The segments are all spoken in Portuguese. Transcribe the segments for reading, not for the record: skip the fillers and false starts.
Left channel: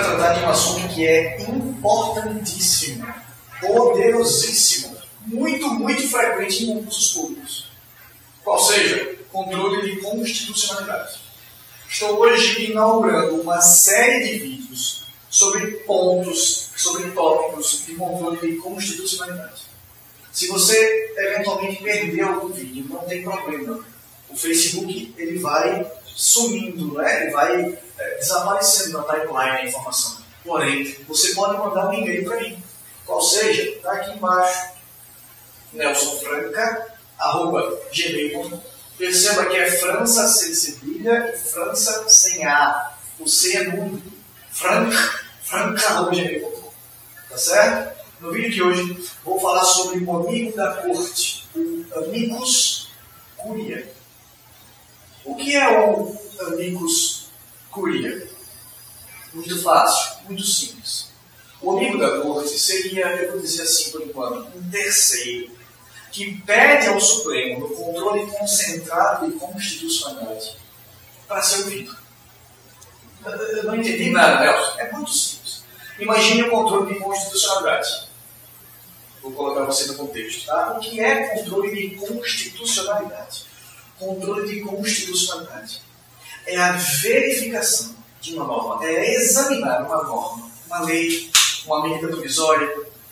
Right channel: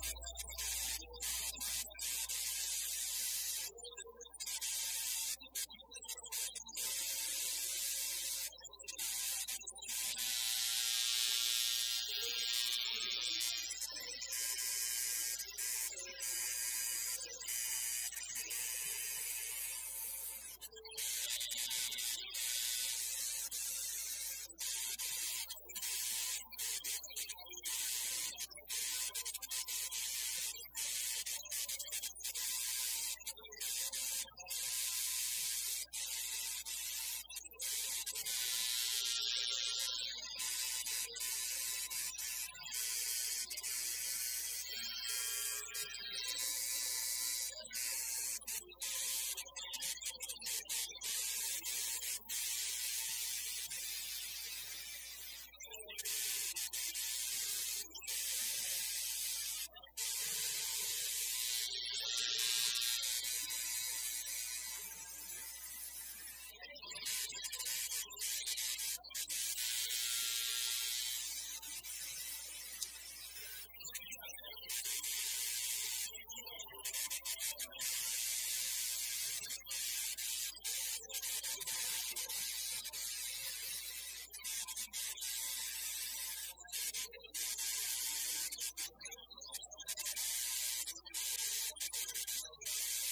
vai tratar de um assunto que é importantíssimo, poderosíssimo, muito frequente em concursos públicos. Qual seja, controle de constitucionalidade. Estou hoje inaugurando uma série de vídeos sobre pontos, sobre tópicos de controle de constitucionalidade. Se você eventualmente perder algum vídeo, não tem problema. O Facebook ele vai sumindo, né? Ele vai desaparecendo na timeline a informação. Porém, você pode mandar um e-mail para mim. Qual seja, está aqui embaixo, nelsonfranca@gmail.com. Perceba que é França sem cedilha e França sem A. O C é mudo. franca@gmail.com. Tá certo? No vídeo de hoje, vou falar sobre o amigo da corte, o amicus curiae. O que é o amicus curiae? Muito fácil, muito simples. O amigo da corte seria, eu vou dizer assim por enquanto, um terceiro que pede ao Supremo, no controle concentrado de constitucionalidade, para ser ouvido. Eu não entendi nada, Nelson. É muito simples. Imagine o controle de constitucionalidade. Vou colocar você no contexto. Tá? O que é controle de constitucionalidade? Controle de constitucionalidade é a verificação de uma norma, é examinar uma norma, uma lei, uma medida provisória,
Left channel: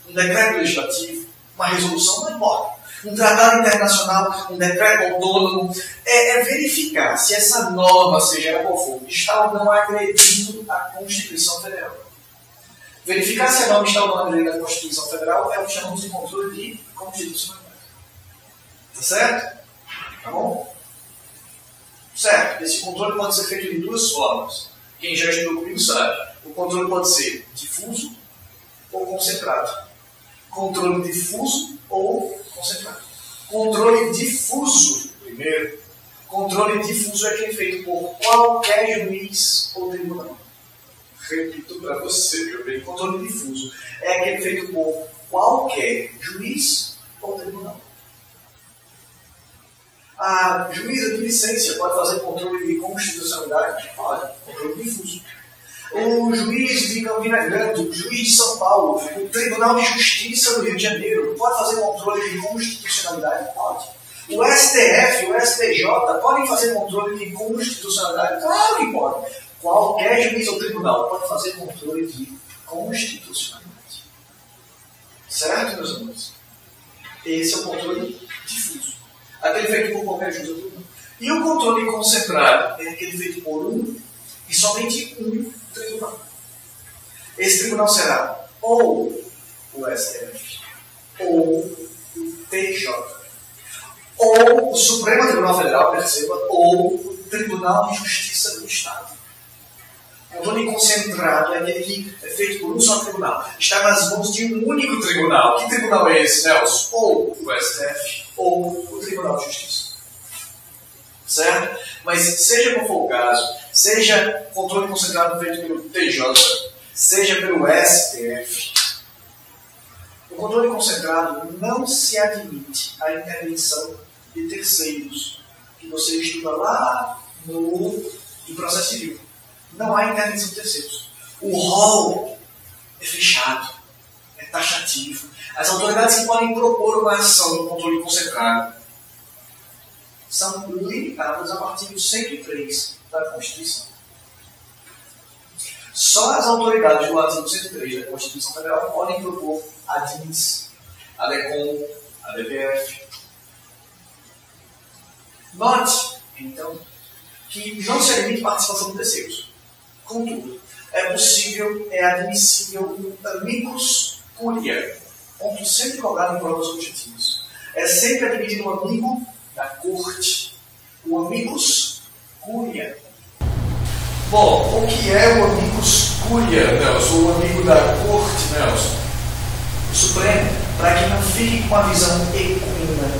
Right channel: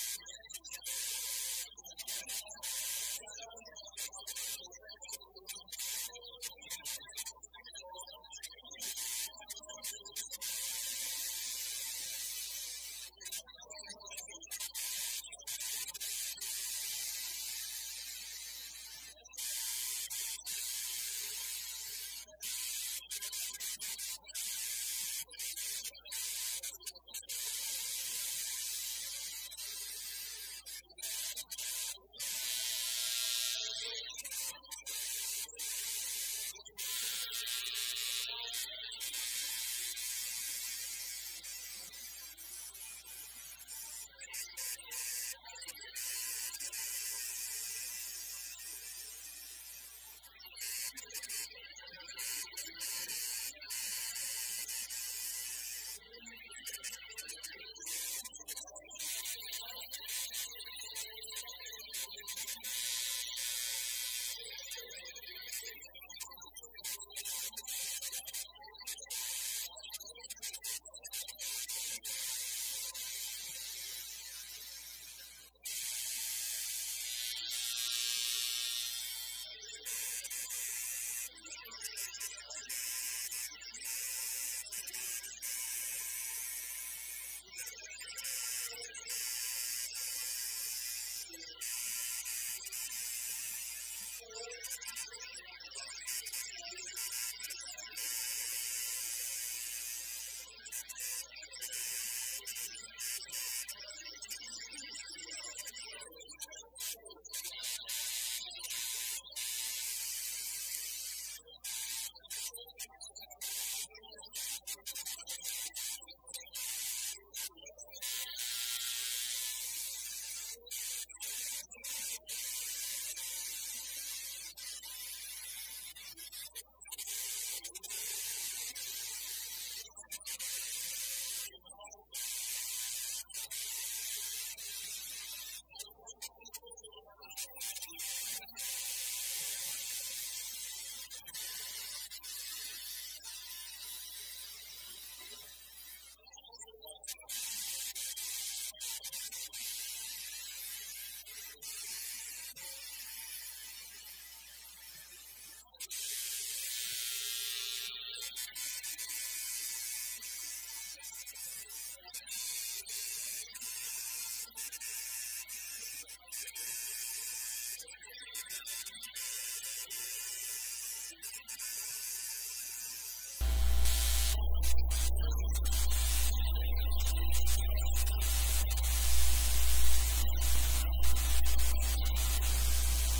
um decreto legislativo, uma resolução, não importa, um tratado internacional, um decreto autônomo, é verificar se essa norma, seja ela qual for, está ou não agredindo a Constituição Federal. Verificar se a norma está ou não agredindo a Constituição Federal é o que chamamos de controle de constitucionalidade. Tá certo? Tá bom? Certo, esse controle pode ser feito de duas formas. Quem já estudou comigo sabe. O controle pode ser difuso ou concentrado. Controle difuso ou concentrado. Controle difuso, primeiro. Controle difuso é aquele feito por qualquer juiz ou tribunal. Repito para você, meu bem. Controle difuso é aquele feito por qualquer juiz ou tribunal. A juíza de licência pode fazer controle de constitucionalidade? Pode, controle difuso. O juiz de Campina Grande, o juiz de São Paulo, o Tribunal de Justiça do Rio de Janeiro, pode fazer controle de constitucionalidade? Pode. O STF, o STJ, podem fazer controle de constitucionalidade? Claro que pode. Qualquer juiz ou tribunal pode fazer controle de constitucionalidade. Certo, meus amigos? Esse é o controle difuso. Aquele feito por qualquer juiz ou tribunal. E o controle concentrado é aquele feito por um e somente um tribunal. Esse tribunal será ou o STF, ou o TJ, ou o Supremo Tribunal Federal, perceba, ou o Tribunal de Justiça do Estado. O controle concentrado é aquele que é feito por um só tribunal. Está nas mãos de um único tribunal. Que tribunal é esse, Nelson? Ou o STF, ou o Tribunal de Justiça. Certo? Mas seja qual for o caso, seja controle concentrado feito pelo TJ, seja pelo STF, o controle concentrado não se admite a intervenção de terceiros, que você estuda lá no processo civil. Não há intervenção de terceiros. O rol é fechado, é taxativo. As autoridades que podem propor uma ação no controle concentrado são limitadas ao artigo 103 da Constituição. Só as autoridades do artigo 103 da Constituição Federal podem propor a DINS, a DECOM, a DPF. Note, então, que não se admite participação de terceiros. Contudo, é possível, é admissível um amicus curiae. Ponto sempre cobrado em provas objetivas. É sempre admitido um amigo da corte. O amicus curiae. Bom, o que é o amicus curiae, Nelson? O amigo da corte, Nelson? O Supremo, para que não fique com uma visão equina.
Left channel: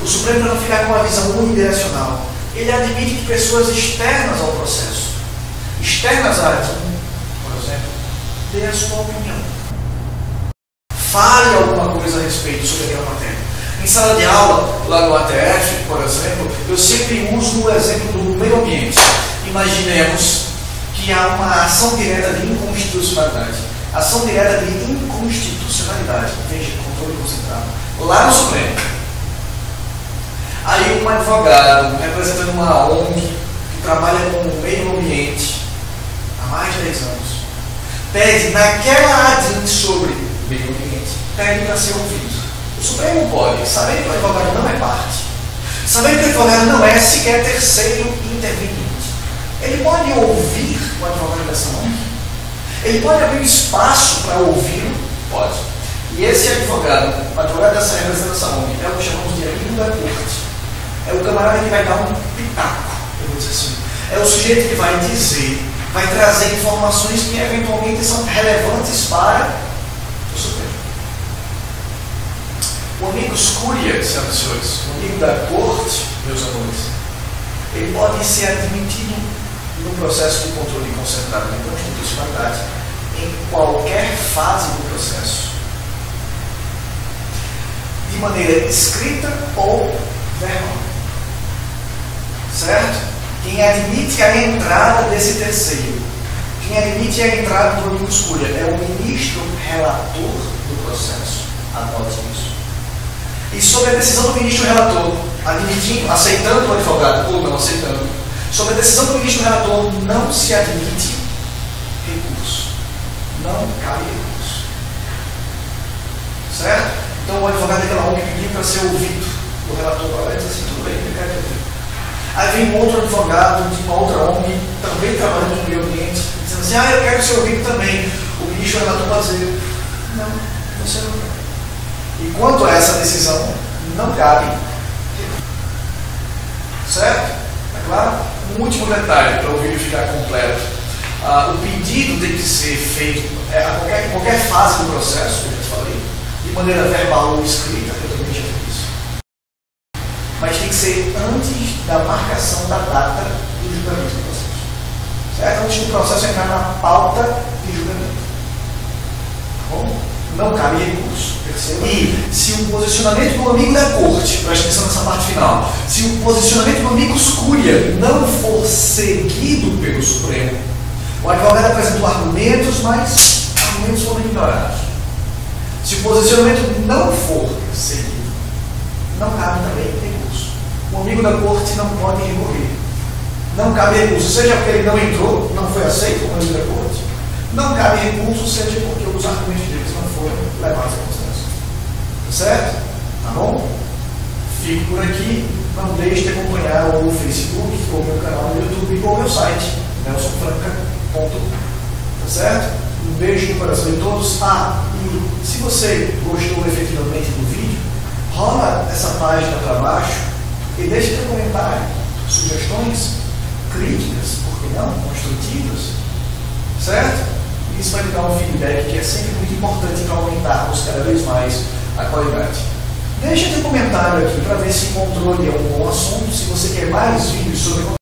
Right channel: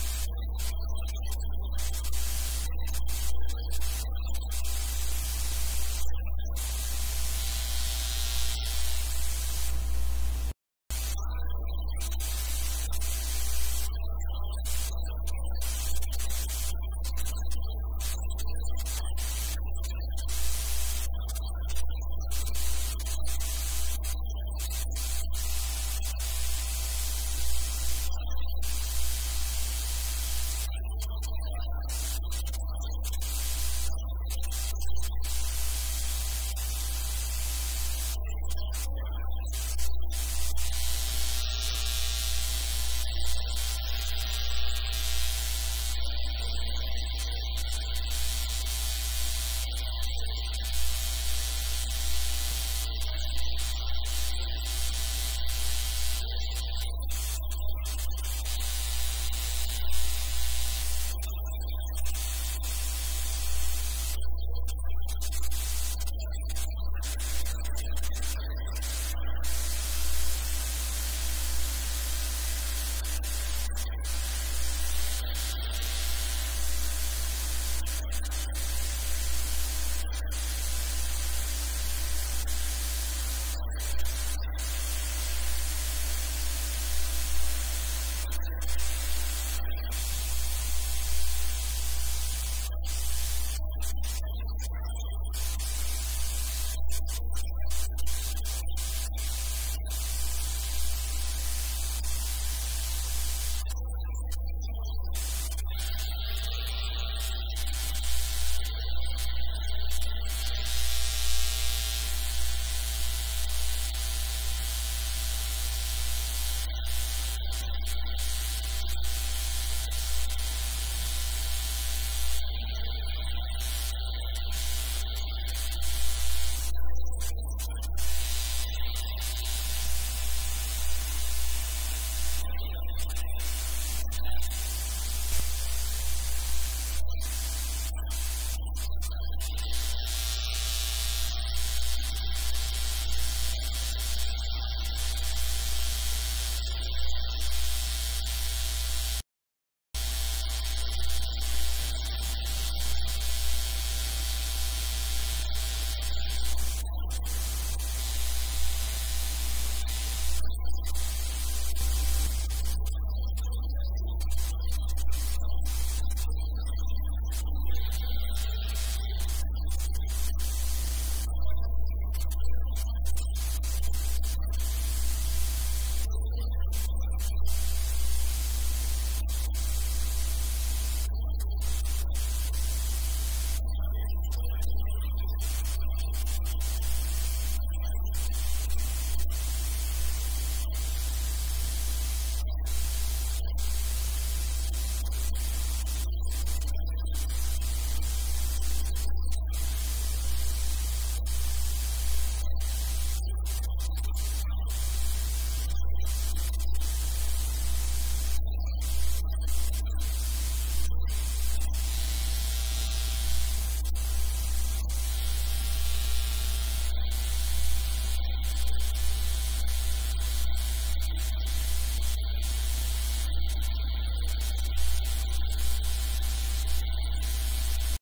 O Supremo, para não ficar com uma visão unidirecional, ele admite que pessoas externas ao processo, externas a ti, por exemplo, dê a sua opinião. Fale alguma coisa a respeito sobre aquela matéria. Em sala de aula, lá no ATF, por exemplo, eu sempre uso o exemplo do meio ambiente. Imaginemos que que há uma ação direta de inconstitucionalidade. Ação direta de inconstitucionalidade. Veja, controle concentrado. Lá no Supremo. Aí um advogado representando uma ONG que trabalha com o meio ambiente há mais de 10 anos pede naquela ADIM sobre meio ambiente, pede para ser ouvido. O Supremo não pode, sabendo que o advogado não é parte, sabendo que o advogado não é sequer terceiro interveniente. Ele pode ouvir o advogado dessa ONG? Ele pode abrir espaço para ouvi-lo? Pode. E esse advogado, o advogado dessa representação ONG, é o que chamamos de amigo da corte. É o camarada que vai dar um pitaco, eu vou dizer assim. É o sujeito que vai dizer, vai trazer informações que eventualmente são relevantes para o Supremo. O amicus curiae, senhoras e senhores, o amigo da corte, meus amores, ele pode ser admitido no processo de controle concentrado de constitucionalidade em qualquer fase do processo, de maneira escrita ou verbal. Certo? Quem admite a entrada desse terceiro, quem admite a entrada do amicus curiae é o ministro relator do processo. Anote isso. E sobre a decisão do ministro relator, admitindo, aceitando o advogado ou não aceitando, sobre a decisão do ministro relator não se admite recurso. Não cabe recurso. Certo? Então o advogado daquela ONG pediu para ser ouvido. O relator vai dizer assim, tudo bem, eu quero ouvir. Aí vem um outro advogado de uma outra ONG, também trabalhando no meio ambiente, dizendo assim, eu quero ser ouvido também. O ministro relator vai dizer, não, você não quer. E quanto a essa decisão, não cabe. Certo? É claro? Um último detalhe, para o vídeo ficar completo. O pedido tem que ser feito em qualquer fase do processo, como eu falei, de maneira verbal ou escrita, eu também já fiz. Mas tem que ser antes da marcação da data do julgamento do processo. Certo? Antes do processo entrar na pauta de julgamento. Tá bom? Não cabe recurso. E se o posicionamento do amigo da corte, preste atenção nessa parte final, se o posicionamento do amicus curiae não for seguido pelo Supremo, o advogado apresentou argumentos, mas argumentos foram ignorados. Se o posicionamento não for seguido, não cabe também recurso. O amigo da corte não pode recorrer. Não cabe recurso, seja porque ele não entrou, não foi aceito como amigo da corte. Não cabe recurso, seja porque os argumentos deles não foram levados em consideração. Certo? Tá bom? Fico por aqui. Não deixe de acompanhar o Facebook, ou o meu canal no YouTube, ou o meu site, nelsonfranca.com. Tá certo? Um beijo no coração de todos. E se você gostou efetivamente do vídeo, rola essa página para baixo e deixe seu comentário, sugestões, críticas, por que não, construtivas. Certo? Isso vai me dar um feedback que é sempre muito importante para aumentarmos cada vez mais a qualidade. Deixa teu comentário aqui para ver se encontrou algum bom assunto, se você quer mais vídeos sobre